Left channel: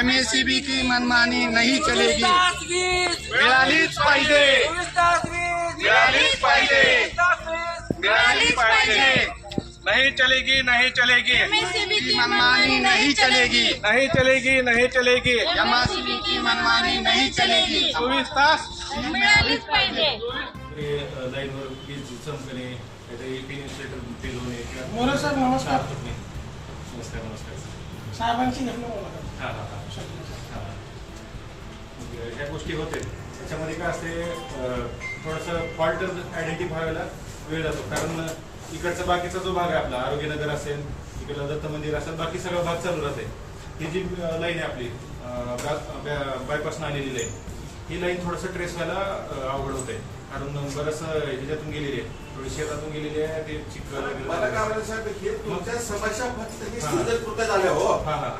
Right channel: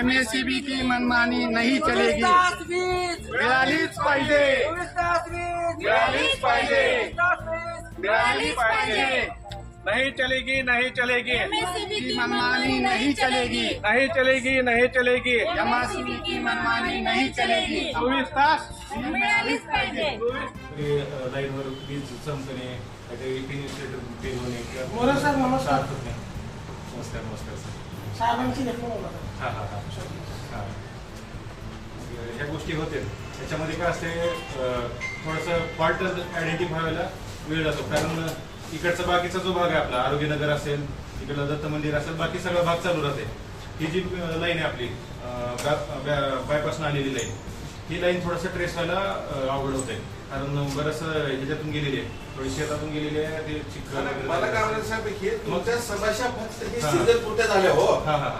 MSCB की मनमानी नहीं चलेगी। मिळालीच पाहिजे। मिळालीच पाहिजे। मिळालीच पाहिजे। नहीं चलेगी नहीं चलेगी। की मनमानी नहीं चलेगी। नहीं चलेगी नहीं चलेगी। एमएससीबी की मनमानी नहीं चलेगी। चोवीस तास। मिळालीच पाहिजे। लाईनवर वीज चमकणे काहीतरी फेल होणे किंवा नमस्कार, नमस्कार. नमस्कार साहेबांशी घेतलं ह्या गोष्टी होते त्याच्यामध्ये काय असते थोडंसं फॉल्ट आयडेंटिफाय व्हायला वेळ जातो. कारण इकडचा बाकीचा जो भाग आहे आपला आरोग्यनगर असेल इकडलं दत्त मंदिर असेल बाकी सगळा भाग चालू राहते. ही जी लाईन आहे आपली बायपासनं आलेली लाईन. ही लाईन थोडंसं ट्रेस व्हायला अवघड होते कारण बरंच ह्याच्यातून गेलेली आहे. थोडी शेतातून गेलेली आहे ते चिखल मला काय म्हणायचं साहेब हे तुमच्या समस्या फक्त हे. सीझन पुरत्या झाल्या हो.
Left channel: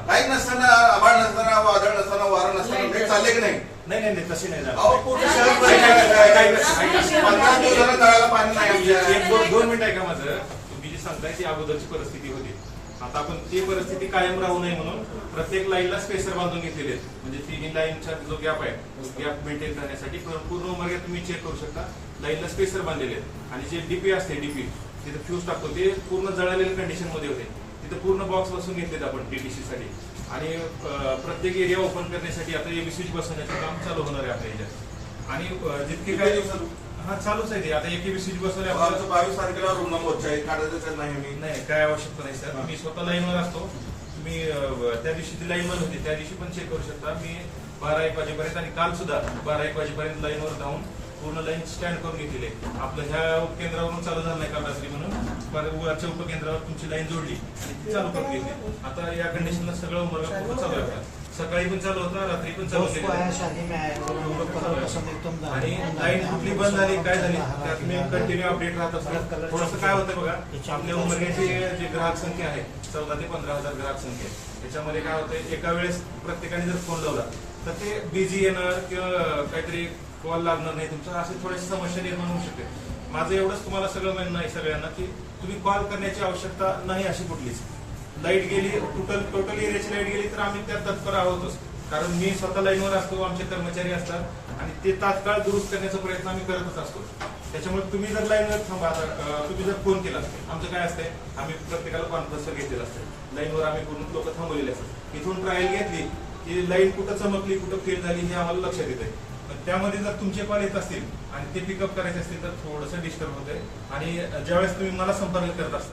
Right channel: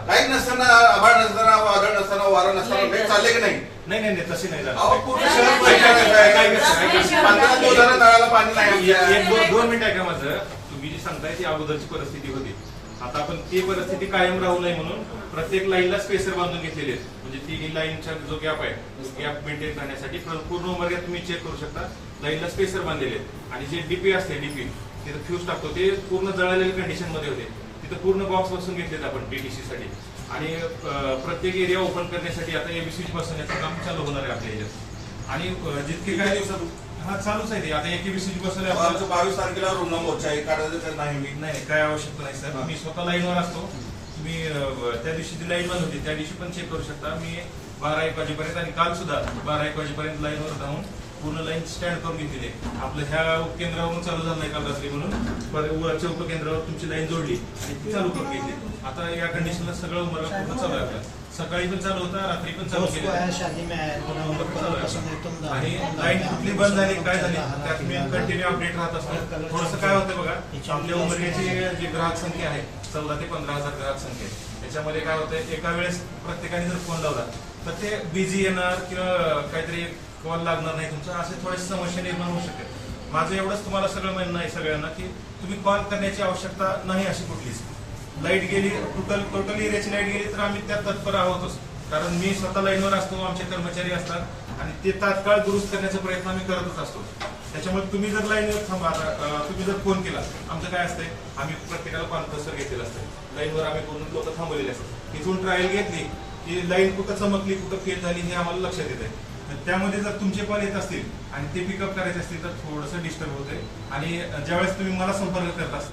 काही नसताना आभाळ नसताना वादळ नसताना वारं नसताना काही चालले की नाही. नाही? नाही नाही तसे नाही झालं. पूर्ण शहर. पंधरा दिवसाला तळाला पाणी नाही एक एक दोन मिनिटं ऐका माझं. तुम्ही जी सांगताय ती अगोदरची परिस्थिती होती. आता आपण ती परिस्थिती कायम राहू नये म्हणून प्रत्येक लाईनला स्पेसर बांधून घेतलेले आहेत. म्हणजे तिन्ही लाईनचा जो गॅप आहे गॅप मेंटेन करण्यासाठी पूर्ण- मर्यादा तुम्ही चेक करू शकता. लाईनला स्पेसर बांधलेले आहेत. आणि जे डीपी असते डीपी तिथं फ्यूज टाकतो. ते पूर्ण जळालेल्या कंडिशनमध्ये होते. तिथं पूर्ण बॉक्स बसून घेतलेत आपण डीटीसी साठी. आणि प्रत्येक एरिया ओपन करण्यासाठी आता एबीसी बसवण्याचं काम चालू होणार आहे आपल्या याच्यात आणि जितके जितके काय हा चालूच आहे ते. आता एक एबीसी बसवले आपल्याला आमचं बावीस तारखेला रुग्ण मोर्चा आहे काढायचं नाही मी नाही काय आवश्यकता नाही सर. मी स्वतः लाईनवर असतो. मी त्या दिवशी ती लाईन बंद होती. त्या दिवशी पण चेक करू शकता. मी बारा एक वाजेपर्यंत आणि काल सुद्धा बारा एक वाजेपर्यंत लाईनवर जाऊन पूर्ण लाईन स्टँड करून घेतलेली आहे. आपलं ह्या उपकेंद्रावरून चालू झालं नाही काल रात्री म्हणून बरं, वरच्या उपकेंद्रावर तुमची लाईन जोडली आणि ती चालू करून घेतली. आता या कंडिशनला सगळं पूर्ण चालू आहे. सकाळी पण चालू होता रात्री पण चालू केलं आणि लाईन कुठली बंद झाली काय झाली त्यात मी कंटिन्यू अपडेट राहत असतो. थोडंसं काय होतं बघा आपल्या उमरग्याची जी ग्राहक संख्या आहे चौदा ते पंधरा हजार ग्राहक संख्या आहे. त्याच्यामध्ये काय होतं एका वेळेस प्रत्येकाने जर फोन लावला तर ते बिझी येणार किंवा काहीतरी कॉल लागणार नाही तुमचा अशी थोडीशी समस्या निर्माण होऊ शकते. माझं एवढंच तुम्हाला सगळं म्हणणं आहे सगळ्यांना की तुम्ही कॉल करण्याची आवश्यकता नाही अशी कुठलीच. लाइट गेली टोटल टोटल एरियाची लाइट गेली तर आम्ही त्यात तत्पर आहोतच. कारण मी स्वतः लाईनवर असतो आमचे कर्मचारी असतात आणि ते तात्काळ दुरुस्त करण्याचा प्रयत्न आम्ही करतच असतो. त्याच्यामुळे तुम्ही जर लाईनवर थांबा तुम्ही जर फोन केला आमचं काय असतंय आम्ही प्रत्येकाला कॉन्फरन्सर घेतलेलं असतं लाईनवर आम्ही बोलून लोक थांबवलेले असतात. तिथून ट्रायल घेतली की लाईन कुठं चमकली कुठं फेल झाली हे आम्हाला लक्षात येत आहे त्यामध्ये जर तुमचे कॉल येत असतील आणि ते पिकअप करायचे असतील तर थोडंसं डिस्टर्ब होतंय. आणि ज्यावेळेस तुम्ही मला संपर्क करत असता